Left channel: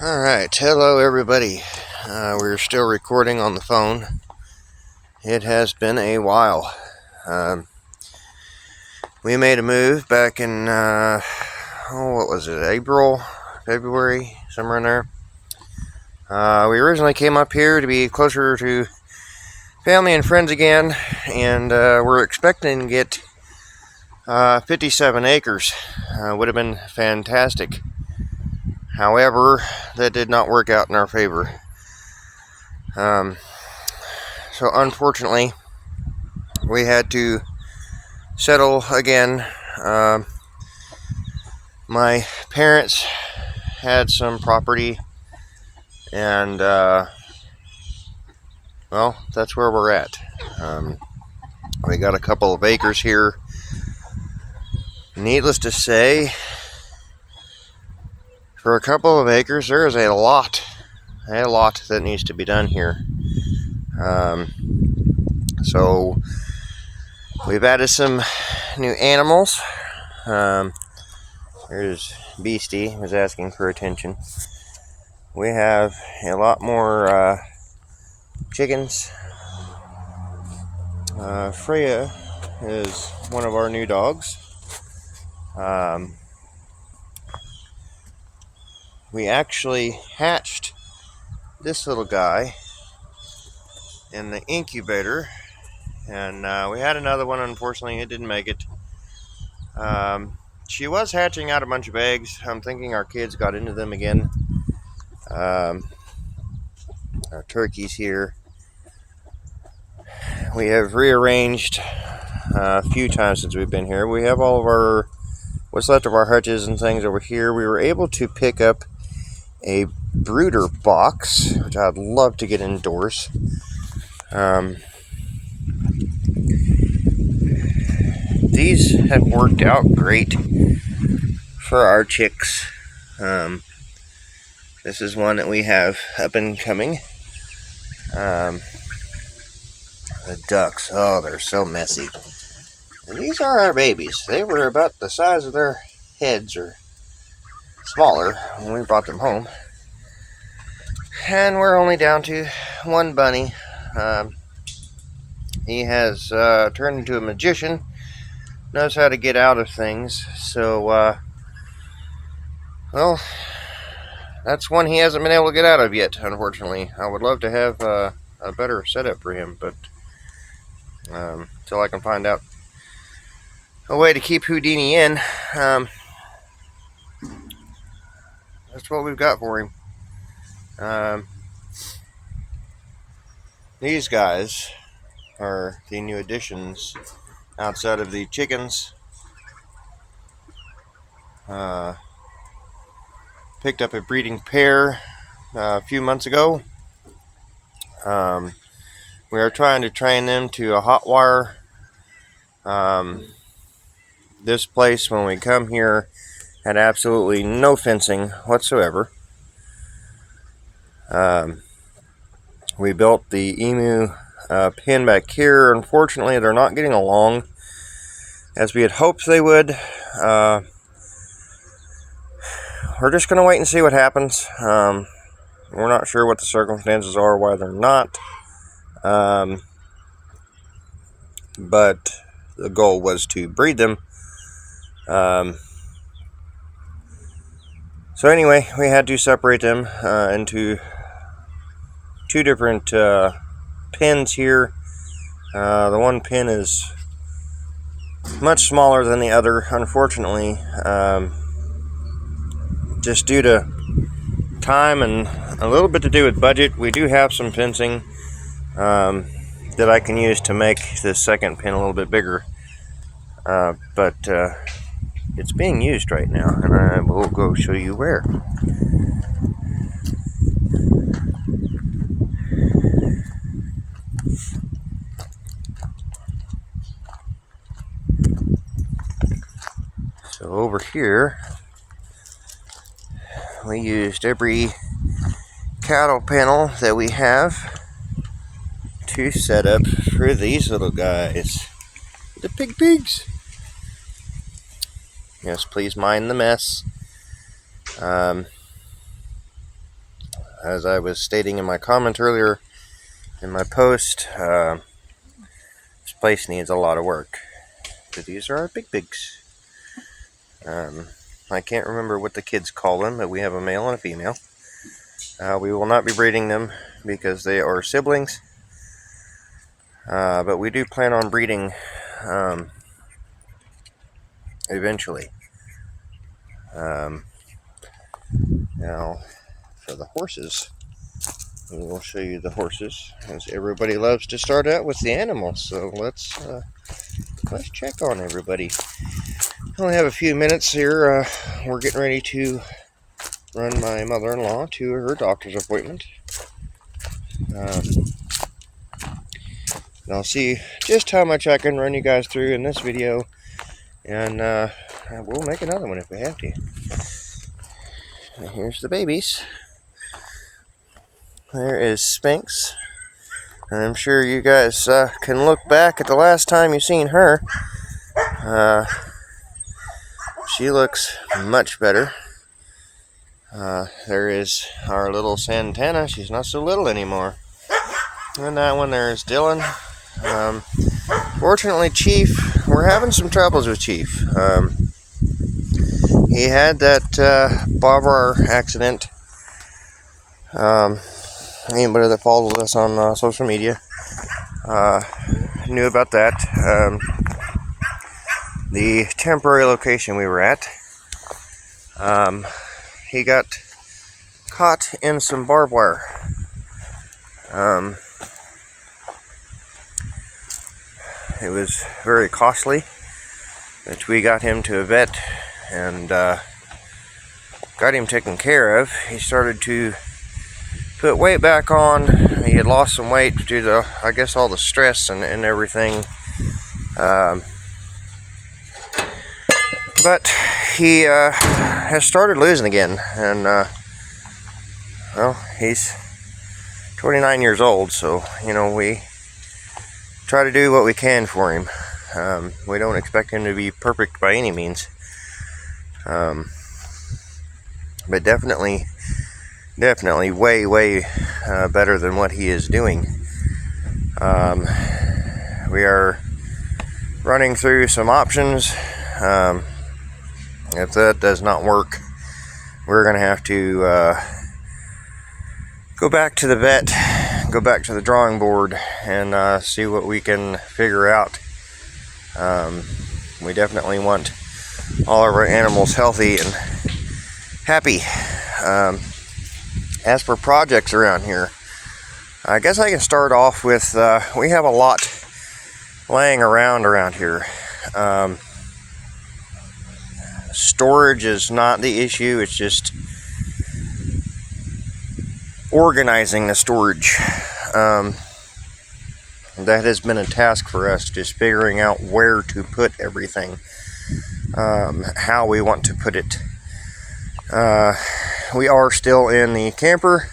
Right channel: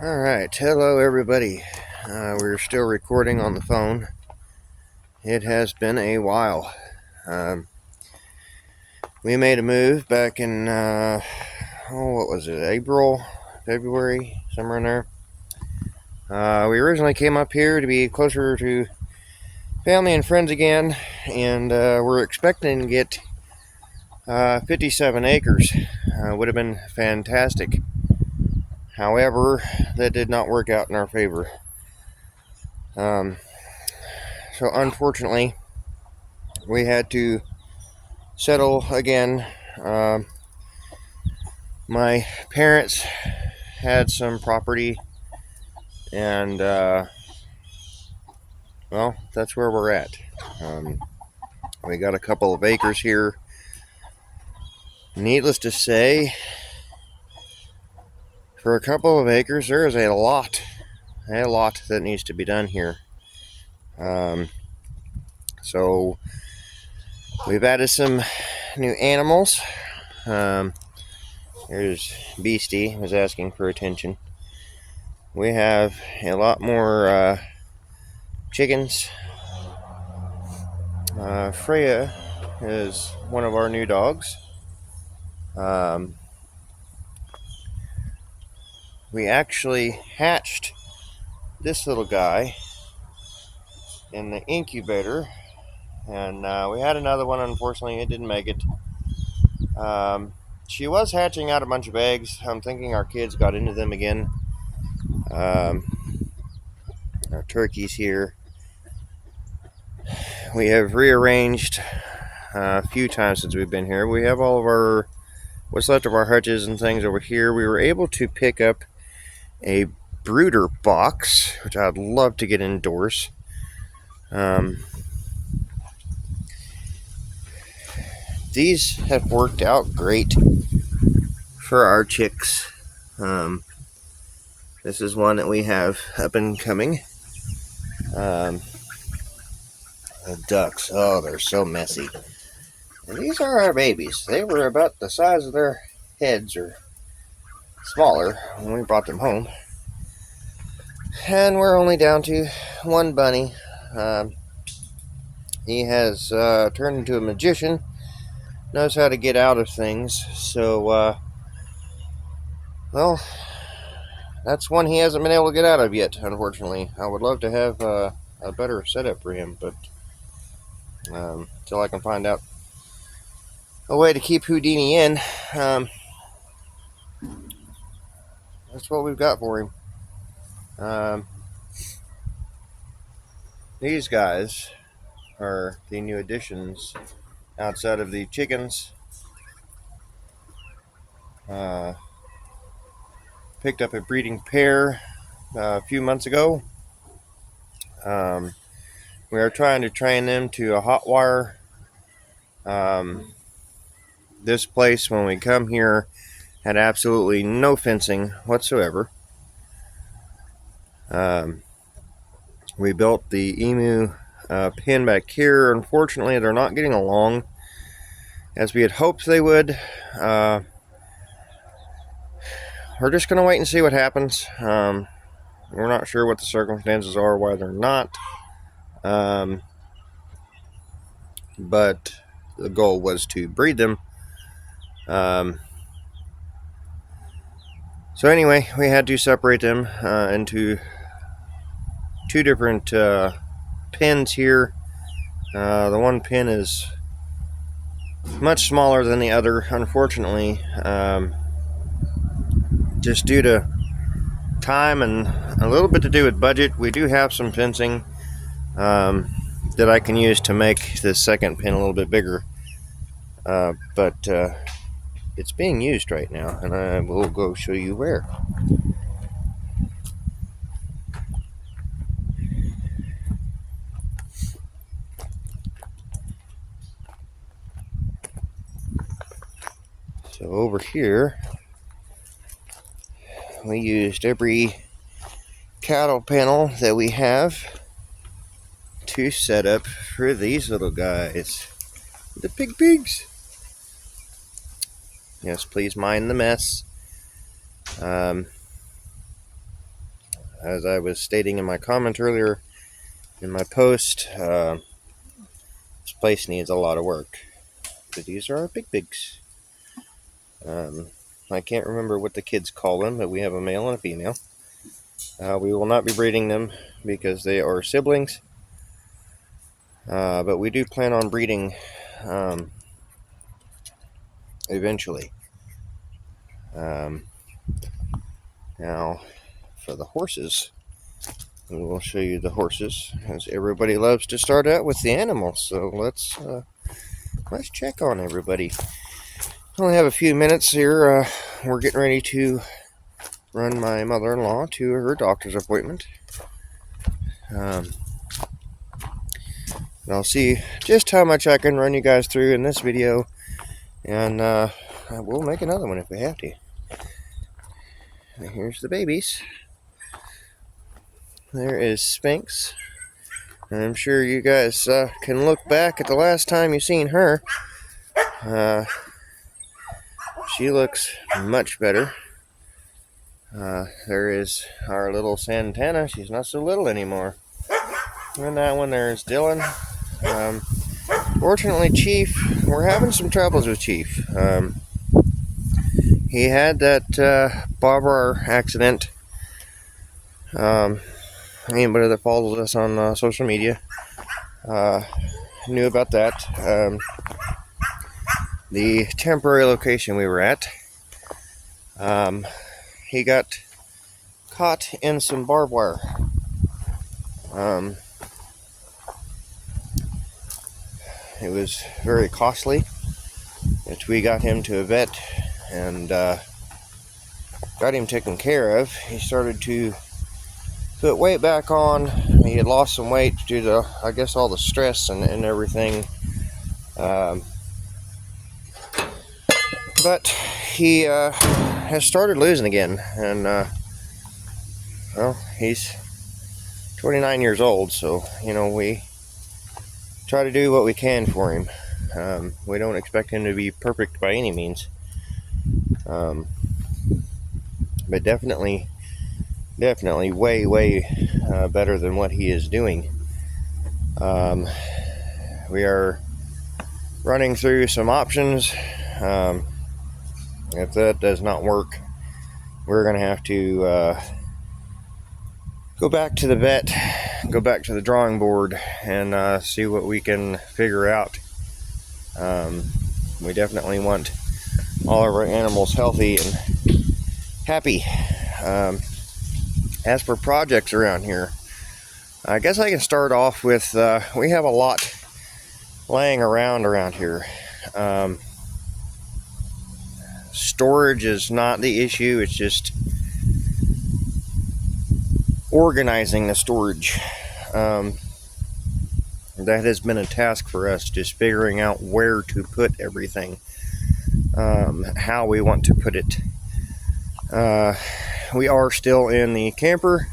Alright, hello everybody. We're still recording on the phone. It has been a while. We made a move back in, what was it, April, February, somewhere in there. We originally came up here to be closer to family and friends again, and we're expecting to get 57 acres. Would have been fantastic. However, that did not work out in our favor. So unfortunately, we had to settle again. My parents had some property, and well, that's where we're at. We got a couple of acres here. Needless to say, for a couple of acres, there is a lot that needs to be done here. So we've added some new animals. There's Beastie, who's asking for attention. We have a lot more chickens. Freya is one of our new dogs. We actually hatched this little guy in the incubator, and we had another one. Unfortunately, it didn't make it. She was hatching out a bunch of eggs. I'm thinking our kids got into them again. Our turkeys here. We have rearranged a few times since we've been here. We have all of what's left of our hutches and things over here. We were able to pick up a brooder box, which I'd love to get indoors. These have worked out great for our chicks. This is one that we have up and coming. The ducks, oh, they're so messy. These are our babies. They were about the size of their heads, or smaller, when we brought them home. And we're only down to one bunny. He has turned into a magician, knows how to get out of things, so, well, that's one he hasn't been able to get out of yet, unfortunately. I would love to have a better setup for him, but until I can find out a way to keep Houdini in, that's what we've got for him. These guys are the new additions outside of the chickens. Picked up a breeding pair a few months ago. We were trying to train them to a hot wire. This place, when we come here, had absolutely no fencing whatsoever. We built the emu pen back here. Unfortunately, they're not getting along as we had hoped they would. We're just going to wait and see what happens. We're not sure what the circumstances are, why they're not. But the goal was to breed them. So anyway, we had to separate them into two different pens here. The one pen is much smaller than the other, unfortunately. Just due to time and a little bit to do with budget, we do have some fencing that I can use to make the second pen a little bit bigger. But it's being used right now, and I will go show you where. So over here, we used every cattle panel that we have to set up for these little guys. The pigs. Yes, please mind the mess. as I was stating in my comment earlier in my post, this place needs a lot of work. But these are our big pigs. I can't remember what the kids call them, but we have a male and a female. We will not be breeding them because they are siblings. But we do plan on breeding eventually. Now, for the horses, we'll show you the horses, as everybody loves to start out with the animals. So let's check on everybody. I only have a few minutes here. We're getting ready to run my mother-in-law to her doctor's appointment. I'll see just how much I can run you guys through in this video, and we'll make another one if we have to. And here's the babies. There is Sphinx. And I'm sure you guys can look back at the last time you seen her. She looks much better. There is our little Santana. She's not so little anymore. And that one there is Dylan. Fortunately, Chief, we're having some troubles with Chief. He had that Bavar accident. Anybody that follows us on social media knew about that. The temporary location we were at, he got caught in some barbed wire. It was very costly, but we got him to a vet and got him taken care of. He started to put weight back on. He had lost some weight due to, I guess, all the stress and everything. But he has started losing again, and well, he's 29 years old, so you know, we try to do what we can for him. We don't expect him to be perfect by any means, but definitely way better than what he is doing. We are running through some options. If that does not work, we're gonna have to go back to the vet, go back to the drawing board, and see what we can figure out. We definitely want all of our animals healthy and happy. As for projects around here, I guess I can start off with, we have a lot laying around here. Storage is not the issue, it's just organizing the storage. That has been a task for us, just figuring out where to put everything, how we want to put it. We are still in the camper,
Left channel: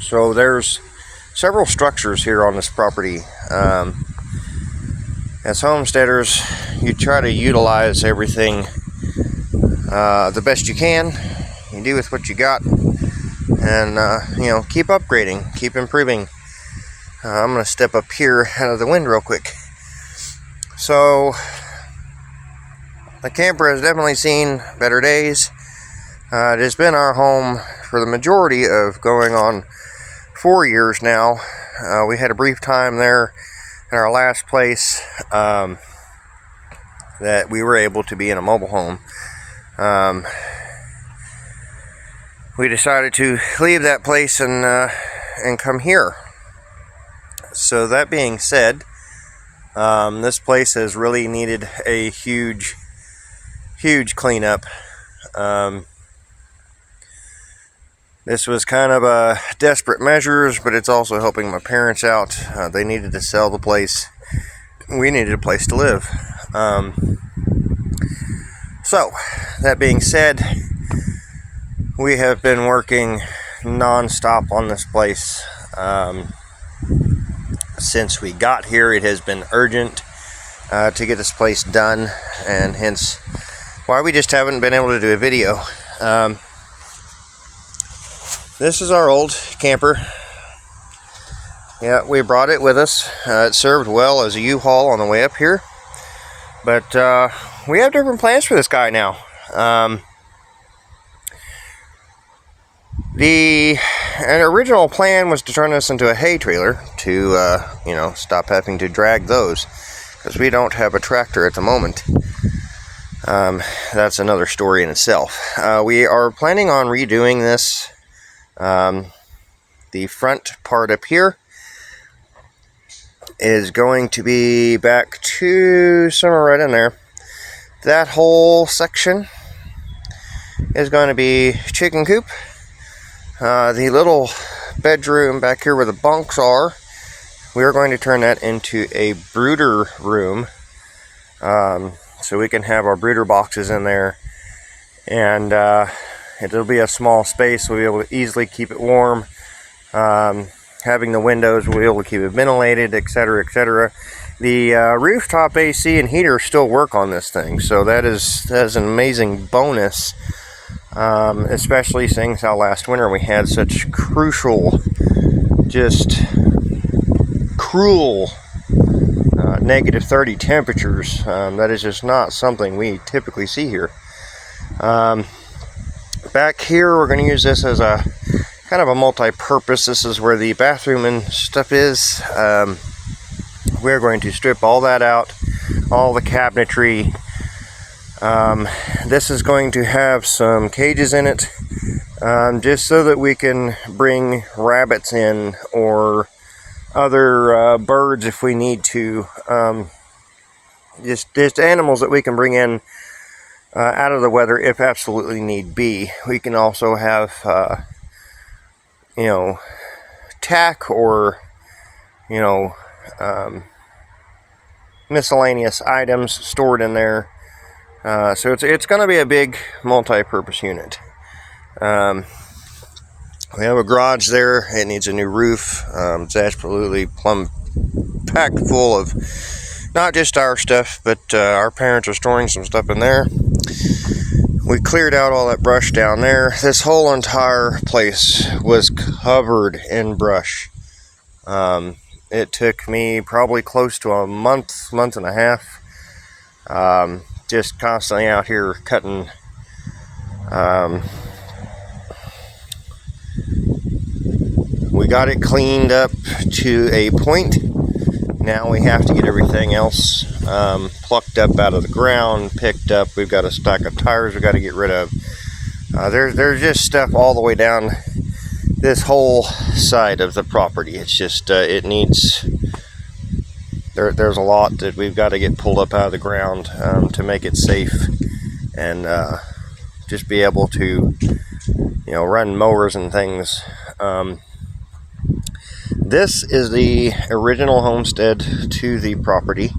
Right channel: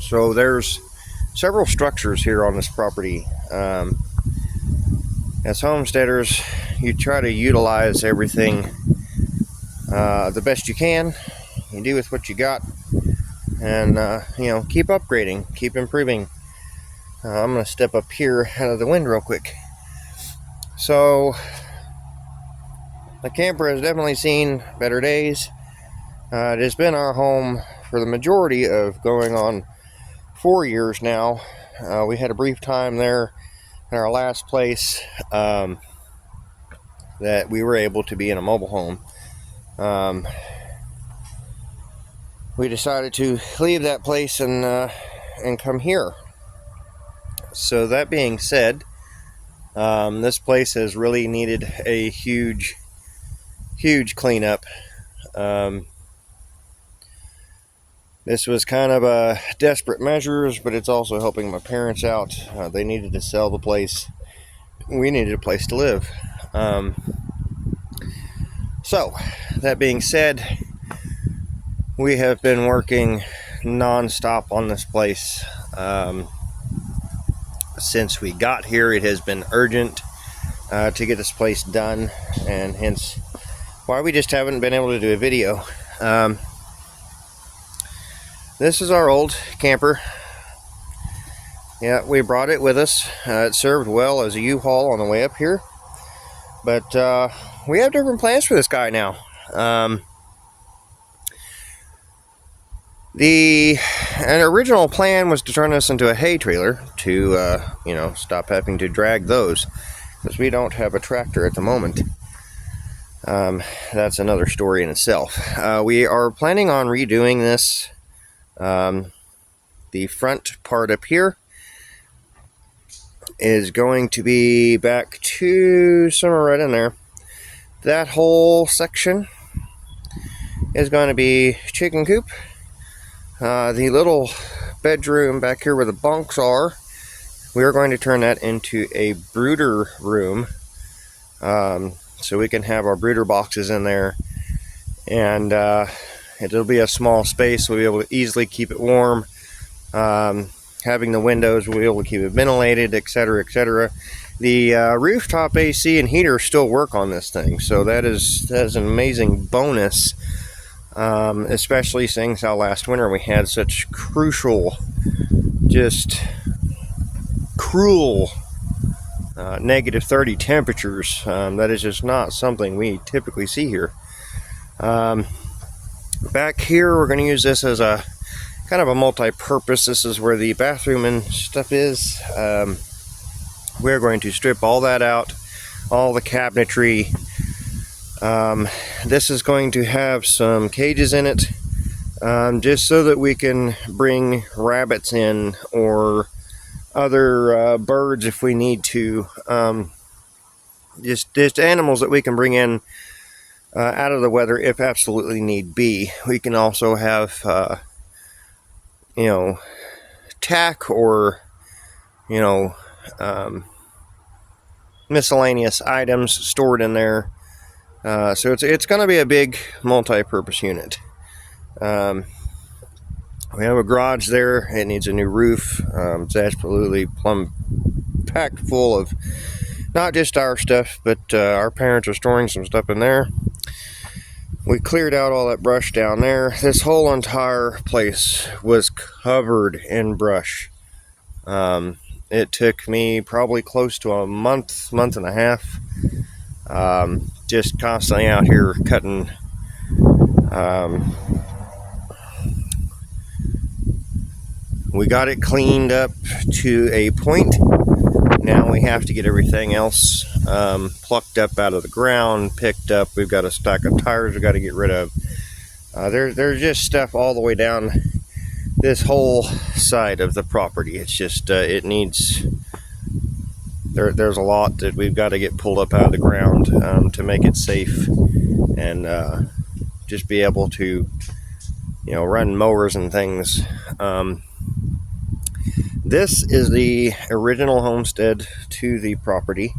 so there's several structures here on this property. As homesteaders, you try to utilize everything the best you can. You do with what you got, and you know, keep upgrading, keep improving. I'm gonna step up here out of the wind real quick. So the camper has definitely seen better days. It has been our home for the majority of going on 4 years now. We had a brief time there in our last place that we were able to be in a mobile home. We decided to leave that place and come here. So that being said, this place has really needed a huge cleanup. This was kind of a desperate measures, but it's also helping my parents out. They needed to sell the place. We needed a place to live. So, that being said, we have been working non-stop on this place. Since we got here, it has been urgent to get this place done, and hence why we just haven't been able to do a video. This is our old camper. Yeah, we brought it with us. It served well as a U-Haul on the way up here. But we have different plans for this guy now. An original plan was to turn this into a hay trailer to, stop having to drag those, because we don't have a tractor at the moment. That's another story in itself. We are planning on redoing this. The front part up here is going to be back to somewhere right in there. That whole section is going to be chicken coop. The little bedroom back here where the bunks are, we are going to turn that into a brooder room, so we can have our brooder boxes in there, and it'll be a small space, so we'll be able to easily keep it warm. Having the windows, we'll be able to keep it ventilated, etc., etc. The rooftop AC and heater still work on this thing, so that is an amazing bonus. Especially seeing how last winter we had such crucial, just cruel negative 30 temperatures. That is just not something we typically see here. Back here, we're going to use this as a kind of a multi-purpose. This is where the bathroom and stuff is. We're going to strip all that out, all the cabinetry. This is going to have some cages in it, just so that we can bring rabbits in, or other birds if we need to. Just animals that we can bring in out of the weather if absolutely need be. We can also have, tack or, miscellaneous items stored in there. So it's going to be a big multi-purpose unit. We have a garage there. It needs a new roof. It's absolutely packed full of not just our stuff, but our parents are storing some stuff in there. We cleared out all that brush down there. This whole entire place was covered in brush. It took me probably close to a month and a half. Just constantly out here cutting. We got it cleaned up to a point. Now we have to get everything else plucked up out of the ground, picked up. We've got a stack of tires we got to get rid of. There's just stuff all the way down this whole side of the property. It's just it needs. There's a lot that we've got to get pulled up out of the ground to make it safe, and just be able to, run mowers and things. This is the original homestead to the property.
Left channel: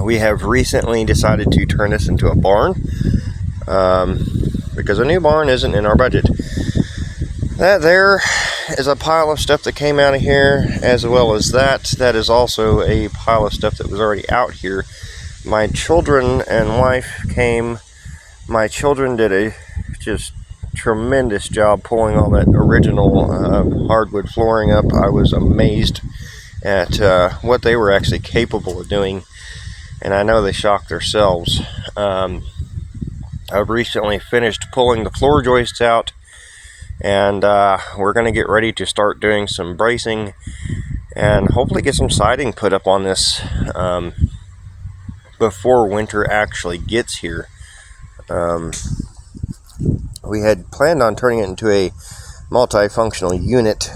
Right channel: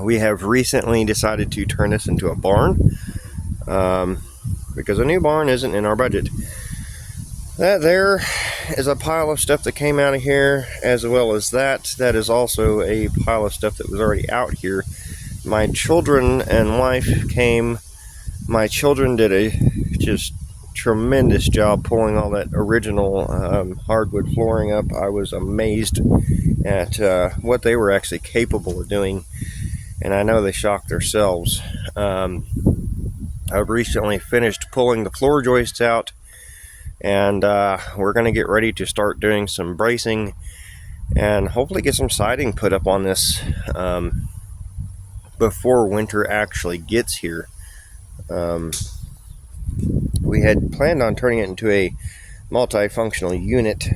We have recently decided to turn this into a barn, because a new barn isn't in our budget. That there is a pile of stuff that came out of here, as well as that is also a pile of stuff that was already out here. My children and wife came. My children did a just tremendous job pulling all that original hardwood flooring up. I was amazed at what they were actually capable of doing, and I know they shocked themselves. I've recently finished pulling the floor joists out, and we're going to get ready to start doing some bracing and hopefully get some siding put up on this before winter actually gets here. We had planned on turning it into a multifunctional unit,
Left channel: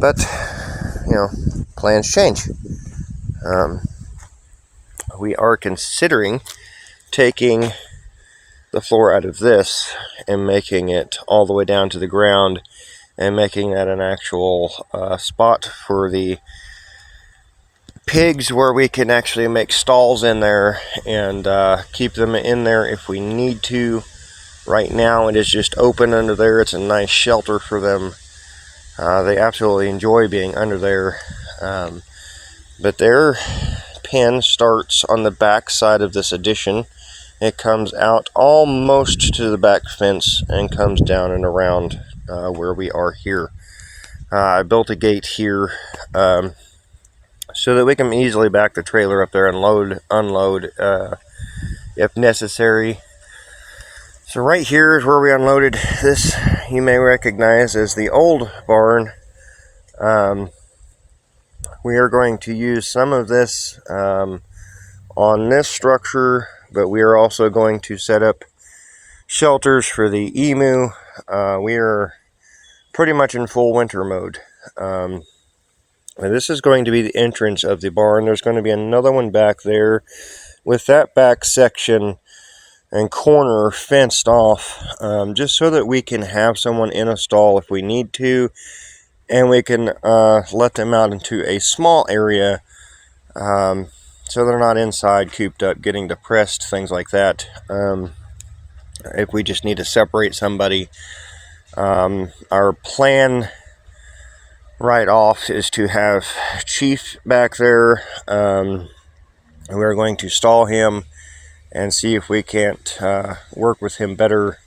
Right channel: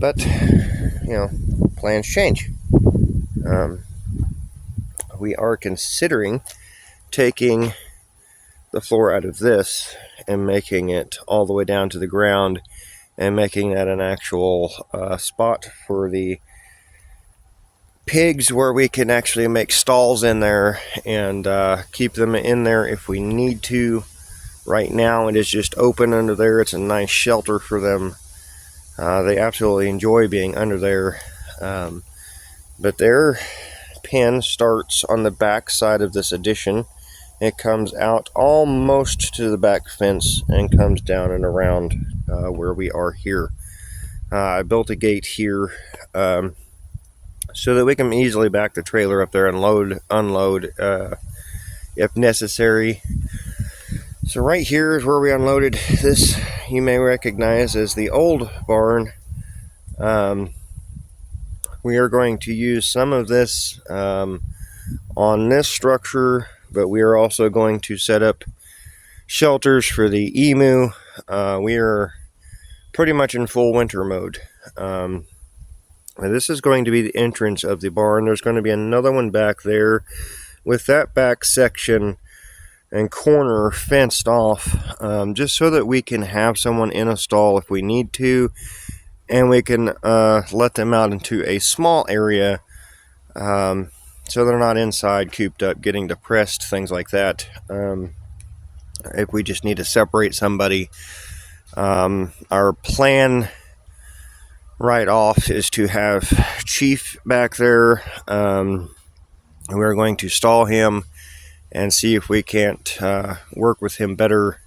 but plans change. We are considering taking the floor out of this and making it all the way down to the ground, and making that an actual spot for the pigs, where we can actually make stalls in there and keep them in there if we need to. Right now it is just open under there. It's a nice shelter for them. They absolutely enjoy being under there, but their pen starts on the back side of this addition, It comes out almost to the back fence and comes down and around where we are here. I built a gate here so that we can easily back the trailer up there and unload if necessary. So right here is where we unloaded this. You may recognize as the old barn. We are going to use some of this on this structure, but we are also going to set up shelters for the emu. We are pretty much in full winter mode. And this is going to be the entrance of the barn. There's going to be another one back there with that back section and corner fenced off, just so that we can have someone in a stall if we need to, and we can let them out into a small area so they're not inside cooped up getting depressed, things like that. If we just need to separate somebody, our plan right off is to have Chief back there. We're going to stall him and see if we can't work with him better,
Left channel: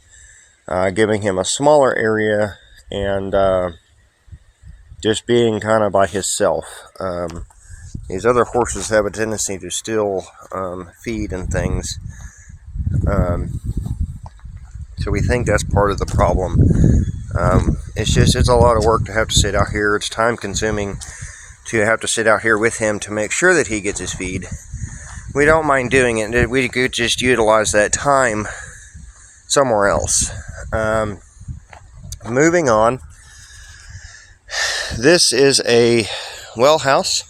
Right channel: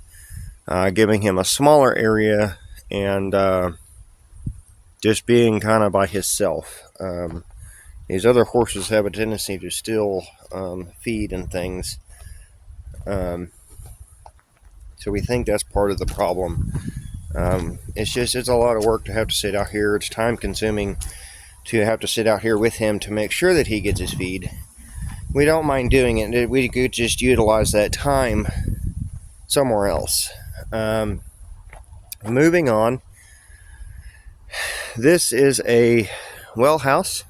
giving him a smaller area and just being kind of by himself. These other horses have a tendency to still feed and things, so we think that's part of the problem. It's a lot of work to have to sit out here. It's time consuming to have to sit out here with him to make sure that he gets his feed. We don't mind doing it. We could just utilize that time somewhere else. Moving on. This is a well house.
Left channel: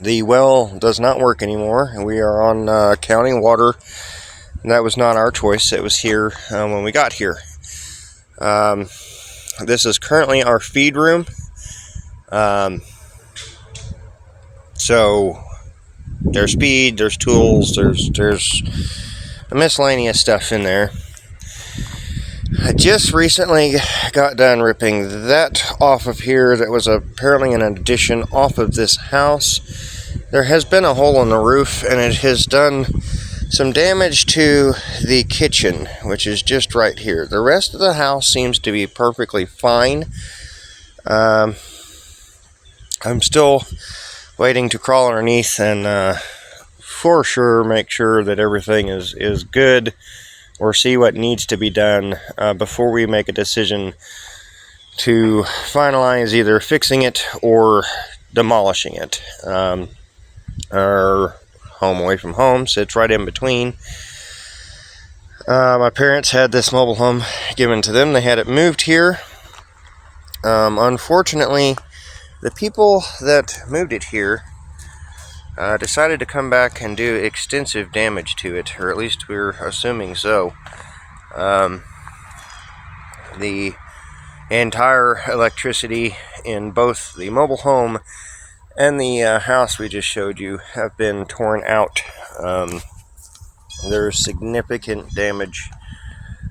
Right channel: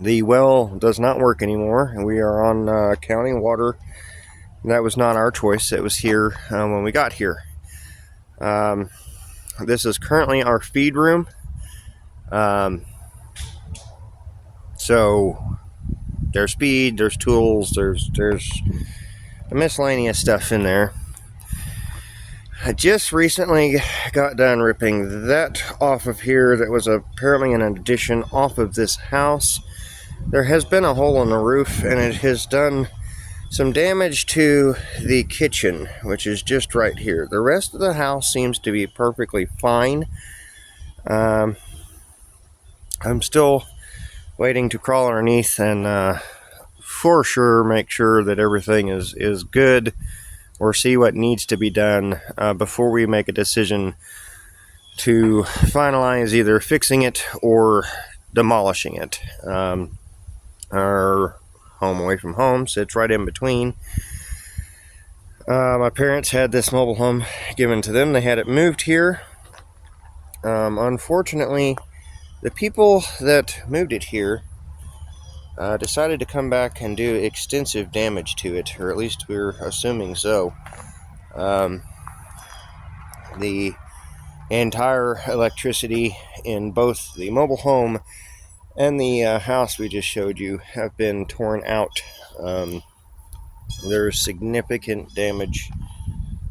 The well does not work anymore. We are on county water. And that was not our choice. It was here when we got here. This is currently our feed room. So there's feed, there's tools, there's miscellaneous stuff in there. I just recently got done ripping that off of here. That was apparently an addition off of this house. There has been a hole in the roof, and it has done some damage to the kitchen, which is just right here. The rest of the house seems to be perfectly fine. I'm still waiting to crawl underneath and for sure make sure that everything is good, or see what needs to be done before we make a decision to finalize either fixing it or demolishing it. Our home away from home sits right in between. My parents had this mobile home given to them. They had it moved here. Unfortunately, the people that moved it here decided to come back and do extensive damage to it, or at least we're assuming so. The entire electricity in both the mobile home and the house we just showed you have been torn out. There's significant damage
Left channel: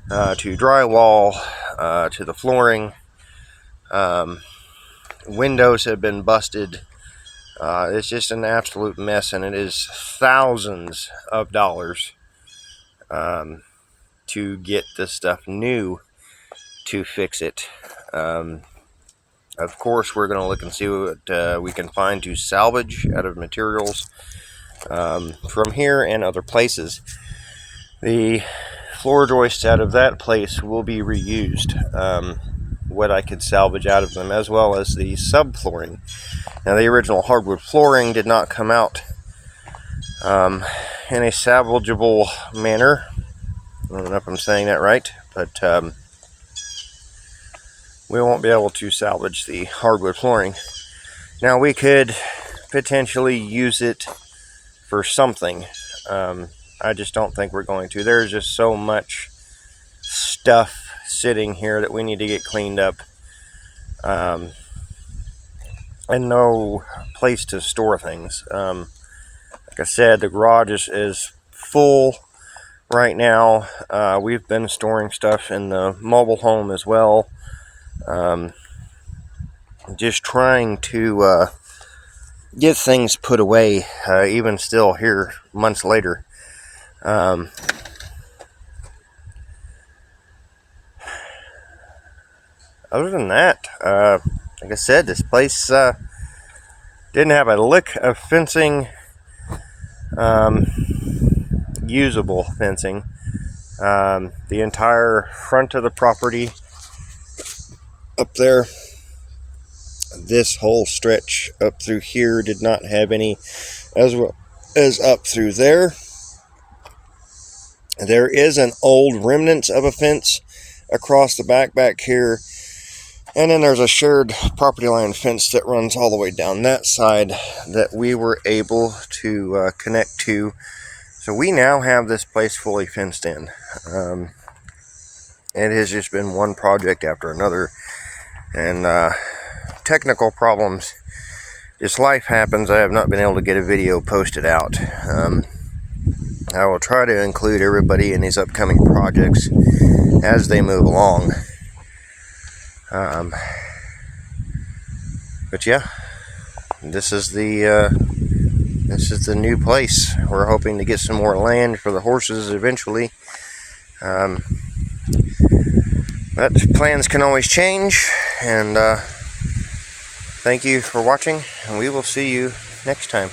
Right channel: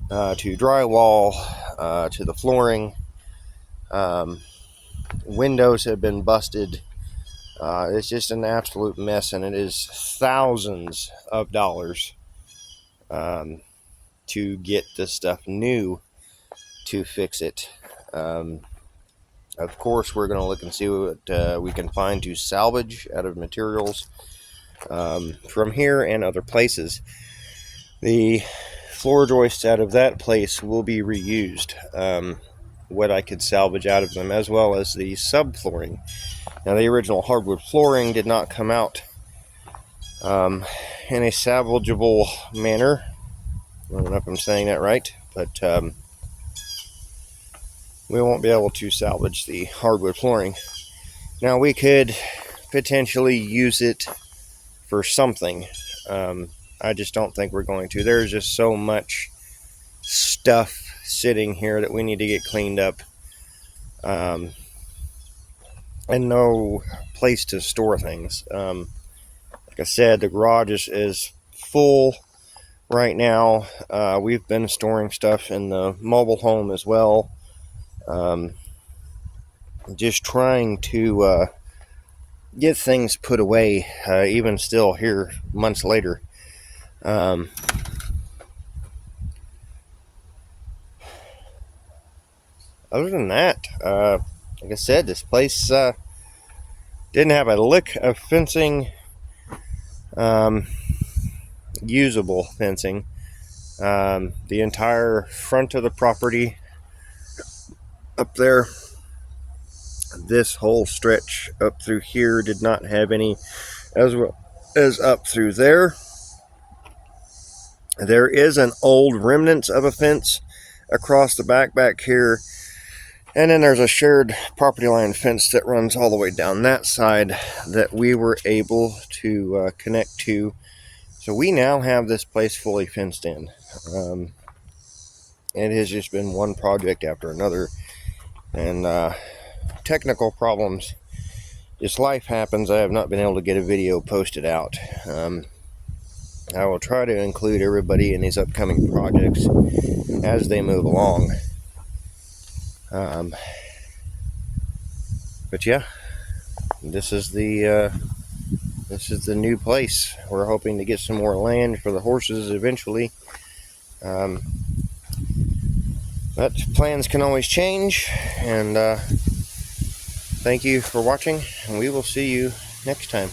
to drywall, to the flooring. Windows have been busted. It's just an absolute mess, and it is thousands of dollars to get this stuff new to fix it. Of course, we're going to look and see what we can find to salvage out of materials from here and other places. The floor joists out of that place will be reused, what I could salvage out of them, as well as the subflooring. Now, the original hardwood flooring did not come out in a salvageable manner. I don't know if I'm saying that right, but we won't be able to salvage the hardwood flooring. Now, we could potentially use it for something. I just don't think we're going to. There's just so much stuff sitting here that we need to get cleaned up, and no place to store things. Like I said, the garage is full right now. We've been storing stuff in the mobile home as well. Just trying to get things put away, even still here months later. Other than that, like I said, this place didn't have a lick of fencing, usable fencing. The entire front of the property up there, this whole stretch up through here did not have any, as well as up through there. There is an old remnants of a fence across the back here, and then there's a shared property line fence that runs all the way down that side that we were able to connect to. So we now have this place fully fenced in. It has just been one project after another, and technical problems. Just life happens. I have not been able to get a video posted out. I will try to include everybody in these upcoming projects as they move along. But yeah, this is the new place. We're hoping to get some more land for the horses eventually. But plans can always change, and thank you for watching, and we will see you next time.